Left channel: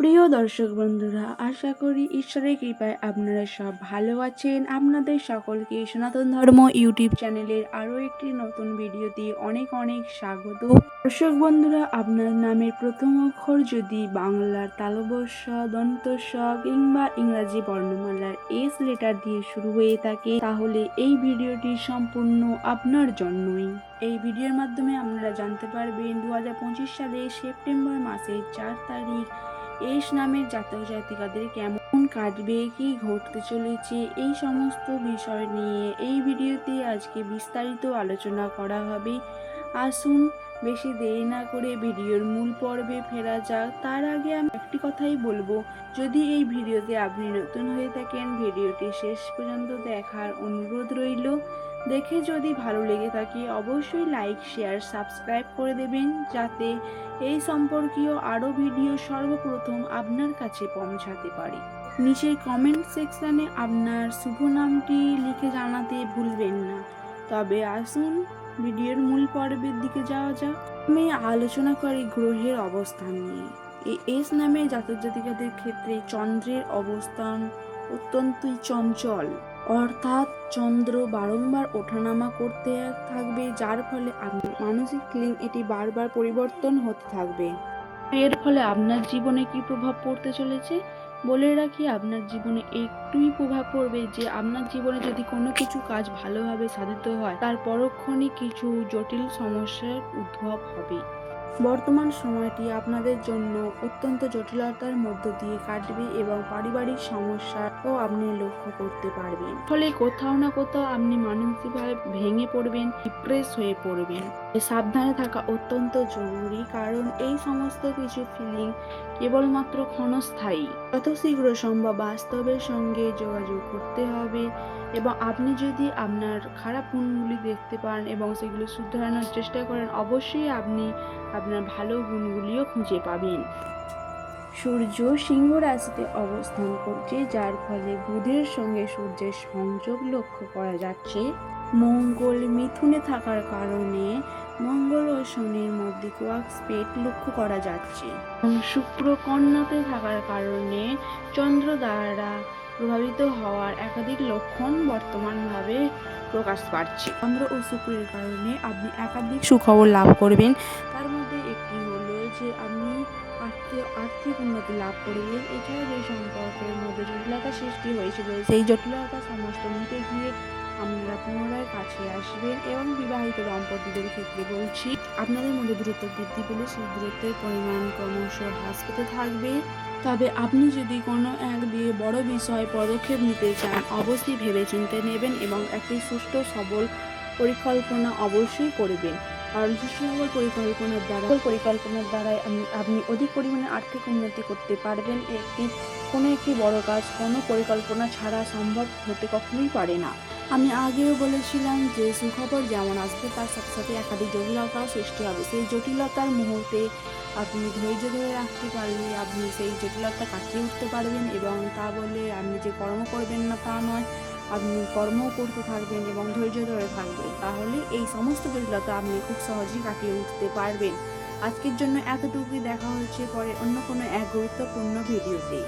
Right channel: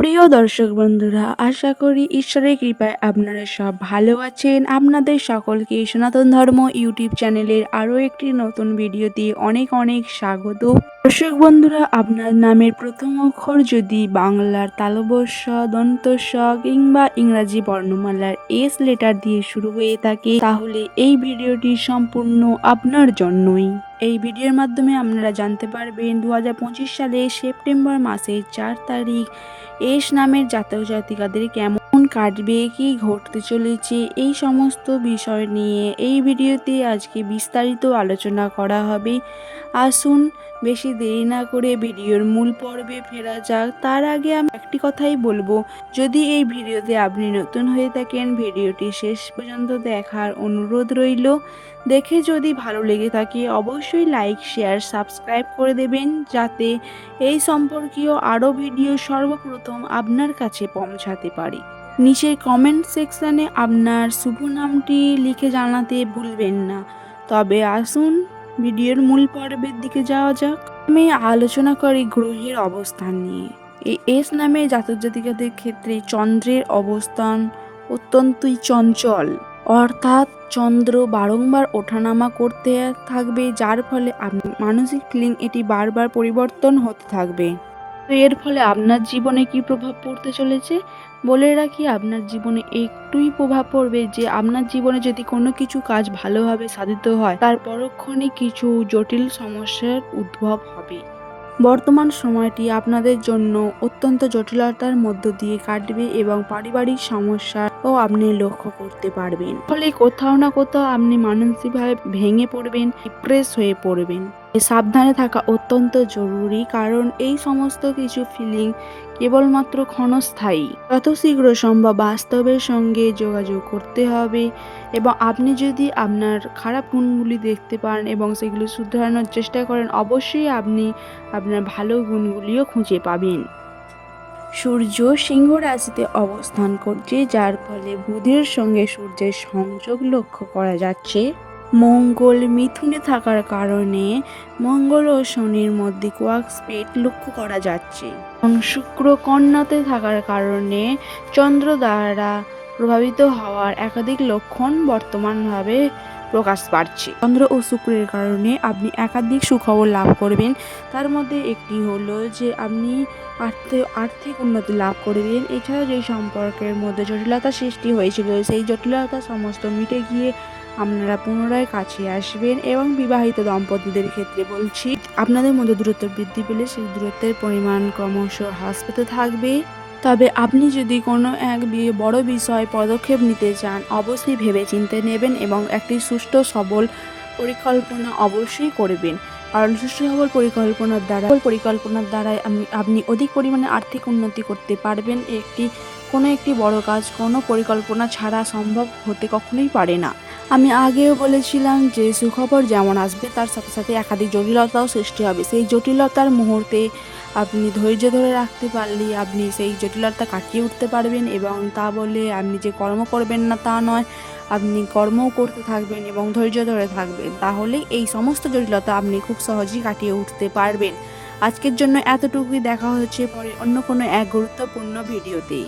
প্রিয় দর্শক বন্ধুরা, আশা করি ঈশ্বরের কৃপায় আপনারা সব ভালো আছেন। আপনাদের সকলকে সনাতন ধর্ম ইউটিউব চ্যানেলের আরও একটি নতুন ভিডিওতে অনেক অনেক স্বাগত। দর্শক বন্ধুরা, আপনার নামের প্রথম অক্ষর যদি বাংলার তালবস্য দন্তস্ব কিংবা ইংরাজি বর্ণমালার এস লেটার দিয়ে শুরু হয়ে থাকে, তাহলে এই ভিডিওটি সম্পূর্ণ আপনার জন্যই। এই ভিডিওর মাধ্যমে আপনারা জানতে পারবেন দু সালে সেপ্টেম্বর মাসের চার তারিখ এস নামের জাতীয় জাতিকাদের কেমন কাটবে, কি ঘটতে চলেছে, এই সমস্ত বিষয় নিয়ে এই ভিডিওতে আজকে বিস্তারিত আলোচনা করা হবে। আসুন, বেশি দেরি না করে ভিডিওর মূল পর্বে ফেরা যাক। তার আগে আমি একটি কথাই বলব, যদি এই ভিডিওতে আপনি নতুন হয়ে থাকেন, ভিডিওটি শেষ পর্যন্ত দেখার অনুরোধ রইল। দেখে যদি ভালো লেগে থাকে, অবশ্যই লাইক, শেয়ার, সাবস্ক্রাইব করে দেবেন, যাতে এই সম্পর্কীয় আরও ভিডিও সর্বপ্রথম আপনার কাছে পৌঁছাতে পারে। নিচের কমেন্ট সেকশানে আপনার শুভ নামটি লিখে জানাতে ভুলবেন না। তবে আসুন, ভিডিওর মূল পর্বের দিকে যাওয়া যাক। আমি আলোচনা করি গ্রহের অবস্থান নিয়ে। এই এস নামে জাতক জাতিকাদের ক্ষেত্রে চন্দ্রের অবস্থান অত্যন্তই চঞ্চল। অর্থাৎ চন্দ্র বারংবার ওঠানামা করতে থাকবে, যার ফলে মানসিক ফিলিং এটি বারবার পরিবর্তন হতে থাকবে। এর ফলে আপনার জীবনে কি প্রভাব পড়তে চলেছে? বলে রাখি, আপনার জীবনে একটুই প্রভাব পড়বে যে আপনার জীবনে যদি কোনো কিছু কাজ ভালোভাবে সাধিত হয়, তার পরক্ষণে কিছু জটিল সমস্যার উদ্ভব হবে। বর্তমান সময়টি আপনাদের জন্য অত্যন্ত জটিলতার মধ্য দিয়ে কাটবে এবং পারিবারিক সমস্যাও আপনি লক্ষ্য করতে পারবেন। ফলে কোথাও না কোথাও আপনি মানসিকভাবে ভেঙে পড়বেন ডিপ্রেস হয়ে পড়বেন। সাবধানে থাকা অত্যন্ত জরুরি, কারণ এই সমস্ত কিছু ফিলিং কেবলমাত্র ক্ষণস্থায়ী। যত শীঘ্র সম্ভব বাস্তবের সঙ্গে যোগাযোগ করতে হবে এবং আপনি যদি আপনার খারাপ গুণগুলি দেখতে পান এবং সেগুলো শুধরানোর চেষ্টা করেন, অবশ্যই আপনি আপনার ভালো গুণগুলিও খুঁজে পাবেন। সূর্য সিংহ রাশিতে অবস্থান করছে, যার ফলে বুধের সঙ্গে সূর্যের সংযোগ লক্ষ্য করা যাচ্ছে। মঙ্গল মিথুনে থাকার কারণে মঙ্গল ও শনির মধ্যে কোয়াক স্পেট লক্ষ্য করা যাচ্ছে। শুক্র কন্যাতে থাকার কারণে চন্দ্র দ্বারা প্রভাবিত হওয়ার একাধিক লক্ষণ বর্তমানভাবে প্রকাশ পাচ্ছে। চন্দ্র ও শুক্রের কারণে আপনি একাধিক সুখবর লাভ করবেন। তার মধ্যে একটি হলো যে আপনি আর্থিক আর্থিক উন্নতি লাভ করবেন। এছাড়া যে সম্পর্কের মধ্যে জটিলতা সৃষ্টি হয়েছিল, সেই জটিলতা সমস্ত মিটে গিয়ে আপনারা পুনরায় কাছে আসবেন এবং বিবাহিত দম্পতিদের ক্ষেত্রে বলছি, আপনাদের মধ্যে দূরত্ব বৃদ্ধি পেলে সেই দূরত্বের পরিমাণ ক্রমশ হ্রাস পেতে থাকবে। তবে আপনি যদি কোনো এক বি- বড় বিষয়ে পদক্ষেপ নিতে চান, অবশ্যই ভেবেচিন্তে নেবেন এবং একটি সুষ্ঠু সবল পরিকল্পনা অবশ্যই করবেন। কারণ সুষ্ঠু সবল পরিকল্পনার দ্বারা পরিকল্পনার দ্বারাই আপনি অধিক পরিমাণে আর্থিক উন্নতি করতে পারবেন। একটি, কোনো একটি বড় কাজ কোনো পরিকল্পনা ছাড়া সম্ভব হতে কখনোই পারে না। আমি আগেও বলেছিলাম যে সুখবর যেমন আসবে, তার সাথে সাথে একাধিক জটিলতাও সৃষ্টি হবে। সেই জটিলতার মুহূর্তে আপনি ধৈর্য ধরে রাখতে পারলে আপনি সেই জটিলতা কাটিয়ে উঠতে পারবেন এবং তা বলে আপনি যে কর্ম করবেন না তা নয়, আপনি কর্মও করতে থাকবেন এবং ধৈর্য ধরে থাকবেন। তাহলে এই সমস্ত জটিলতা আপনি খুব সহজেই কাটিয়ে উঠতে পারবেন। আজকের জন্য এতটুকুই। দেখা হচ্ছে পরে অন্য কোনো এক গুরুত্বপূর্ণ ভিডিওতেই